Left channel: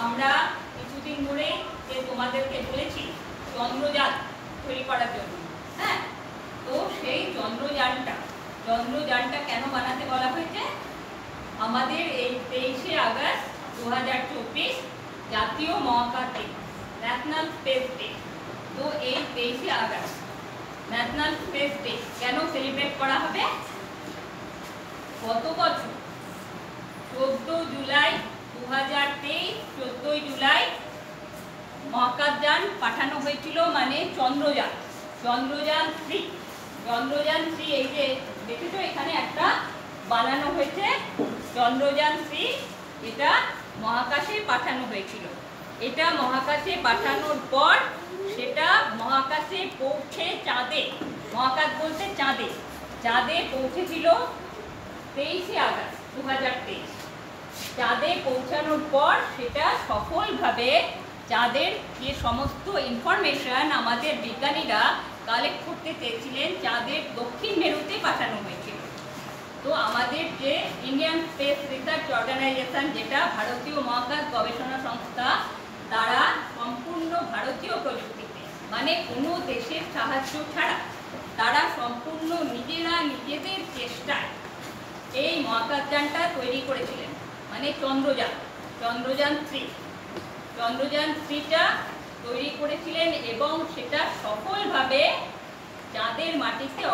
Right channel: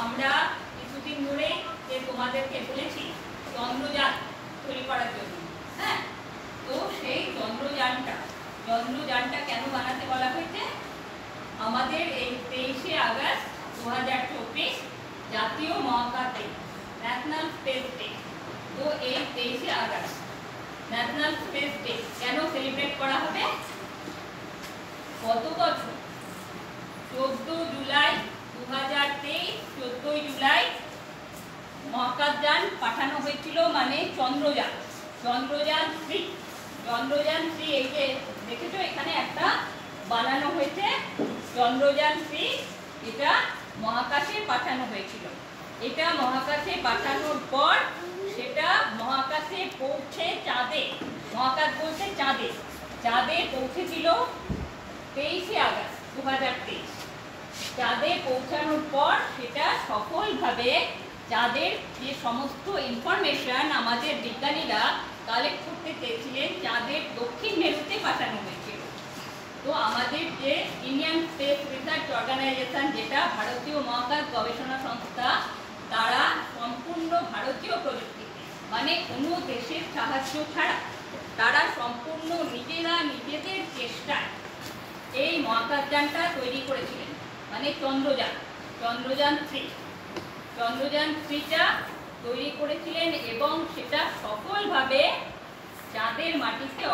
আমরা কিছুদিন ধরে তোমাদেরকে বলেছি চন্দ্রযান তৈরি করার জন্য। হ্যাঁ, তো সেই চন্দ্রযানটা কেন বানাতে বলা হয়েছে? আমাদের এই 23শে আগস্ট 2024 জাতীয় মহাকাশ দিবস, ন্যাশনাল স্পেস ডে। তো এই 23শে আগস্ট ন্যাশনাল স্পেস ডে কেন সেলিব্রেট করা হবে? গত বছর 14 জুলাই 2023 14 জুলাই মহাকাশযান পাঠানো হয়েছিল, মানে চন্দ্রযান 3। এই যে দেখেছো এখানে একটা বানানো হয়েছে চন্দ্রযান 3। এটা মহাকাশে পাঠানো হয়েছিল। এটা মহাকাশে পাঠানোর পর সেটা মহাকাশে পৌঁছে চাঁদে, মহাকাশ বলতে চাঁদে পৌঁছেছিল 23শে আগস্ট 2023। চাঁদে পৌঁছানোর পর সেটা সফলভাবে চাঁদের যে সমস্ত ইনফরমেশন আমাদের বিজ্ঞানীরা কালেক্ট করতে চেয়েছিলেন চাঁদের দক্ষিণ মেরুতে পাঠানো হয়েছিল। তো আমাদের যে ইন্ডিয়ান স্পেস রিসার্চ অর্গানাইজেশন, যেটা ভারতীয় মহাকাশ গবেষণা সংস্থা, তারা সম্পূর্ণ ভারতীয় প্রযুক্তিতে, মানে কোনো দেশের সাহায্য ছাড়া তারা সম্পূর্ণ নিজেদের চেষ্টায় এই মহাকাশযানটা তৈরি করেছিলেন, মানে চন্দ্রযান 3টা তৈরি করেছিলেন এবং সেটা সফলভাবে চাঁদের মাটিতে